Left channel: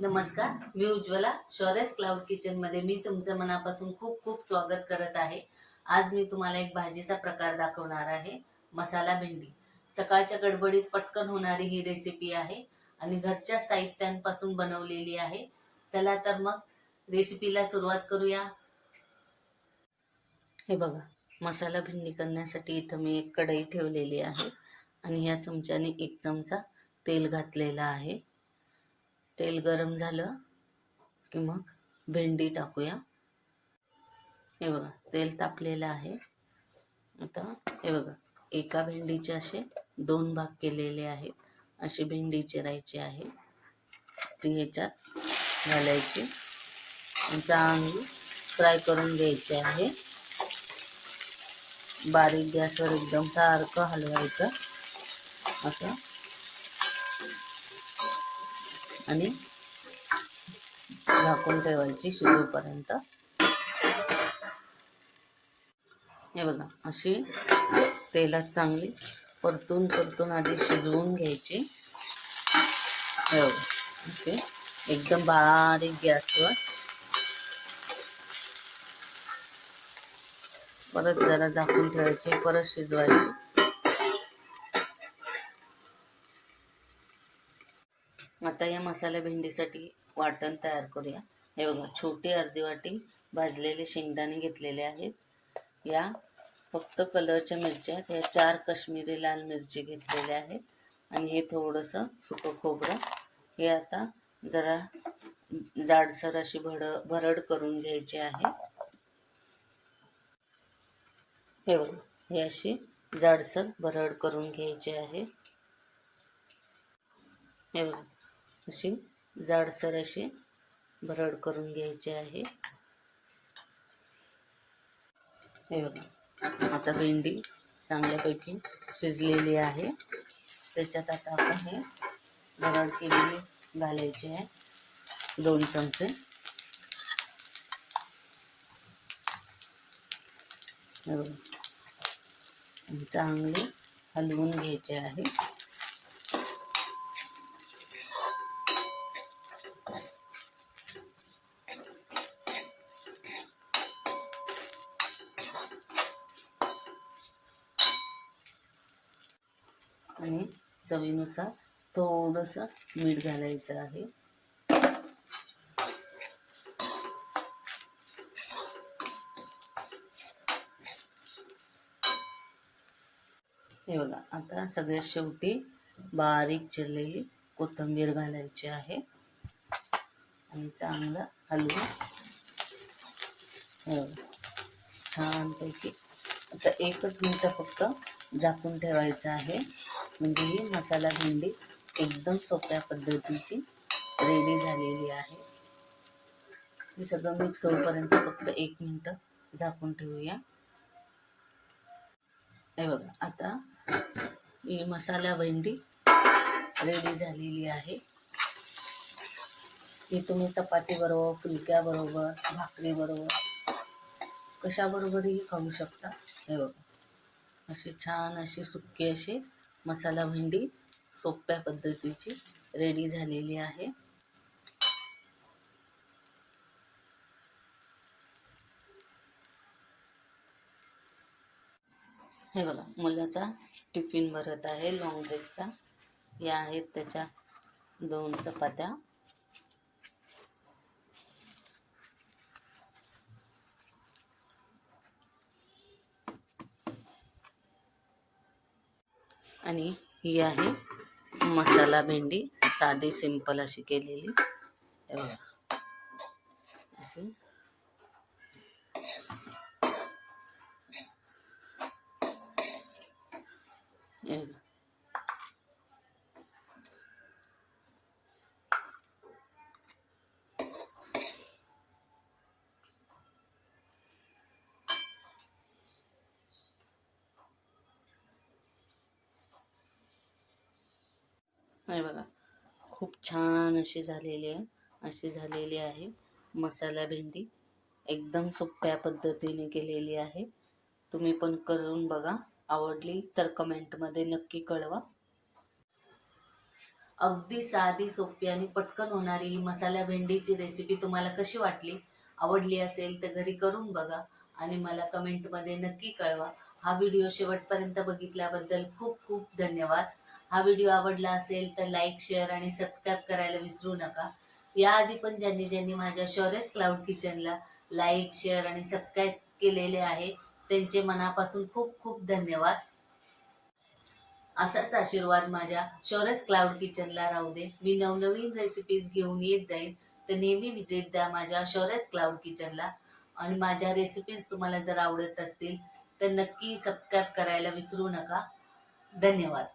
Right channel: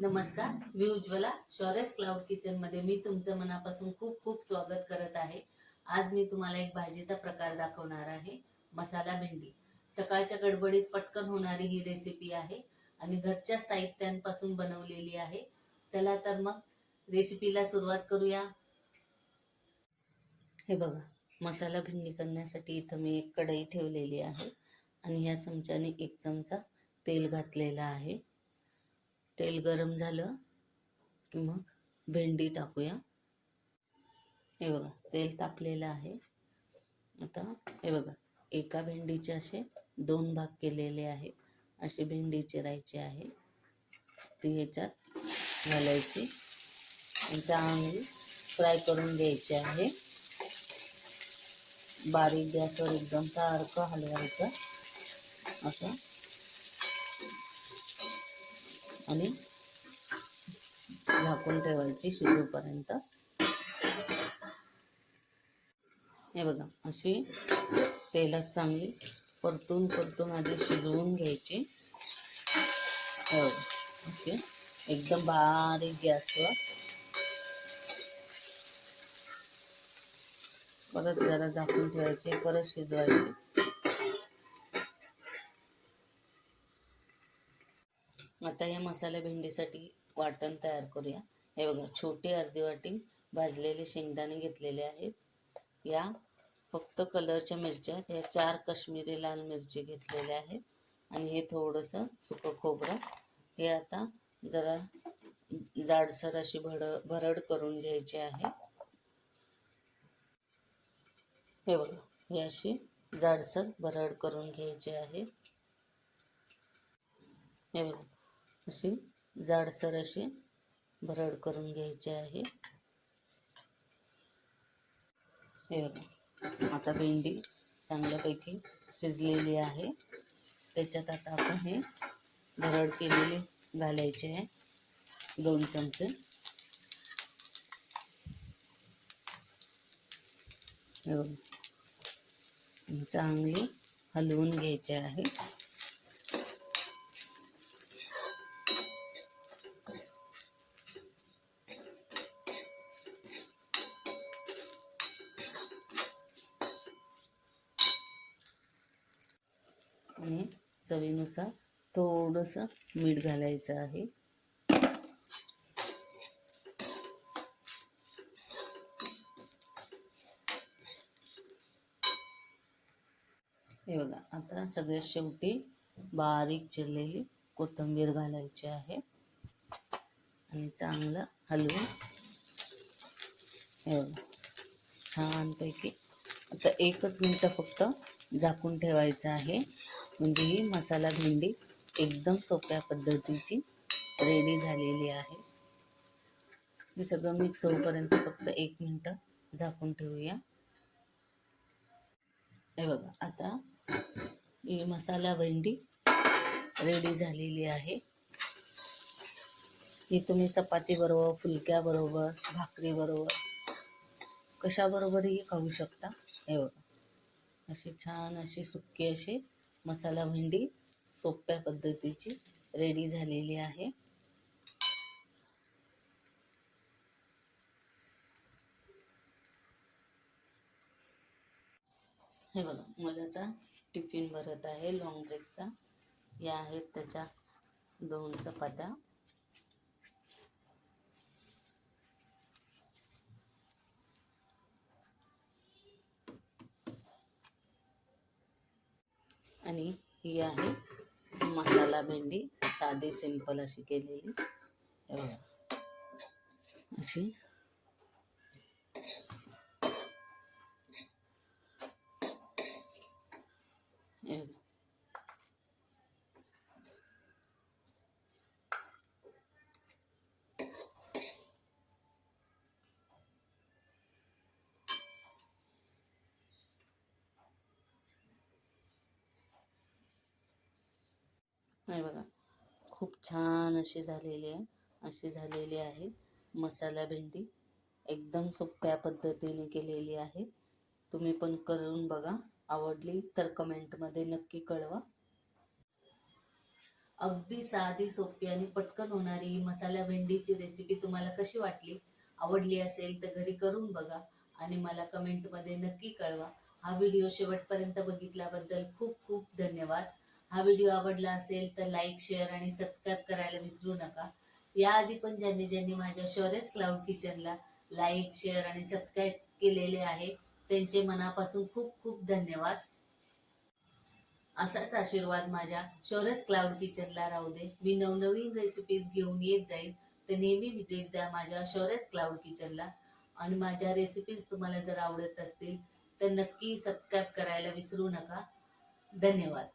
नमस्कार, मी Ujjwala. शौर्यस cloud kitchen मध्ये मी तुमचं मनापासून खूप खूप स्वागत करत आहे. आज मी तुम्हाला एक भाजीचा प्रकार दाखवणार आहे, मसाला भेंडी. सकाळच्या गडबडीत पटकन होणारी ही रेसिपी आहे आणि घरच्या साहित्यांपासून बनवलेली आहे. चला तर मग रेसिपीला सुरुवात करूया. हे बघा, मसाला भेंडी करण्यासाठी इथं मी एक कढई ठेवलेली आहे आणि या चमच्याने 1 चमचा तेल घातलेला आहे. तेल गरम झालं की मग भेंडी टाकूया. हे बघा, तेल तापलेलं आहे. आता हे बघा, एका भेंडीचे असे 2 भाग केलेले आहेत. अशी भेंडी चिरायची आहे, ती ह्याच्यात घालायची, चांगली फ्राय करून घ्यायची आहे. बारीक गॅसवर एकदम सारखं हलवायचं असं आणि झाकून ठेवायची शिजूपर्यंत. हे बघा, अशी तेलात चांगली परतून आधी शिजवून घ्यायची. हे बघा, असे एकदम बारीक गॅसवर परत जरा झाकून ठेवायची, परत शिजवायची. आता या मसाला भेंडीसाठी वाटण तयार करूया. हे बघा, छोटी अर्धी वाटी भाजलेले शेंगदाणे घेतलेले आहेत. या फक्त कलरच्या मिरच्या आहेत. या 4 काश्मीरी लाल मिरची घेतलेल्या आहेत आणि हे थोडंसं सुकं खोबरं. हे आता जरा जाडसर अशी भरड करून घ्यायची आहे. हे बघा, ही अशी जाडसर भरड करून घ्यायची आहे. हे बघा, अशी जाडसर अशी भरड करून घ्यायची आहे. हे बघा, आता भेंडी चांगल्यापैकी शिजलेली आहे. त्याच्यात आता आपण हे भरड केलेले घालायचे आहे, 2 चमचे. हे बघा, चांगले हलवून घ्यायचे आहे. आणि चवीनुसार थोडंसं मीठ घालायचं आहे. हे बघा, आता सगळ्यात शेवटी बारीक चिरलेली कोथिंबीर घालायची आहे आणि चांगलं हलवून हे बघा छानपैकी आता 1च मिनिट फक्त झाकून ठेवायचं आहे. म्हणजे ही मसाला भेंडी एकदम सोप्या पद्धतीची रेडी झालेली आहे. हे सगळं मिक्स होईपर्यंत फक्त 1 मिनिट झाकून ठेवूया. हे बघा, आता ही मसाला भेंडी रेडी झालेली आहे. ही तुम्ही चपाती बरोबर, फुलक्या बरोबर, भाकरी बरोबर, कशाबरोबरही खाऊ शकता. हे बघा, अशी छान अशी सुक्की अशी मसाला भेंडी सोप्या पद्धतीची रेडी झालेली आहे. हे बघा, मुलाचा टिफिन भरत आहे लॉंग ब्रेकचा. या आहेत त्याच्या 2 चपात्या. आणि ही आहे मसाला भेंडी, साधी सिंपल अशी केलेली. हे बघा, अशी हे बघा, खूप छान अशी झालेली आहे मसाला भेंडी. एकदम सोप्या पद्धतीने केलेली आहे. तुम्ही पण करून बघा. आवडली तर कमेंटमध्ये नक्की कळवा. अगदी साधी, सोपी आणि पटकन होणारी ही मसाला भेंडीची रेसिपी तुम्हाला कशी वाटली? आवडली असेल तर घरी करून बघा आणि मला कमेंटमध्ये नक्की कळवा. हा व्हिडिओ शेवटपर्यंत बघितल्याबद्दल खूप खूप धन्यवाद. हा व्हिडिओ आवडला असेल तर लाईक, शेअर आणि सबस्क्राईब करायला विसरू नका. याआधी पण ज्यांनी ज्यांनी माझ्या शौर्यस क्लाउड किचनला लाईक, शेअर आणि सबस्क्राईब केलेले आहे, त्यांचे मनापासून खूप खूप धन्यवाद. असाच आशीर्वाद माझ्या शौर्यस क्लाउड किचनला राहू दे. मी नवनवीन रेसिपीज घेऊन येत जाईन, तर नेहमी विजिट द्या माझ्या शौर्यस क्लाउड किचनला. आणि माझ्या रेसिपीज तुम्हाला जर आवडत असतील तर नक्की सबस्क्राईब करायला विसरू नका. धन्यवाद.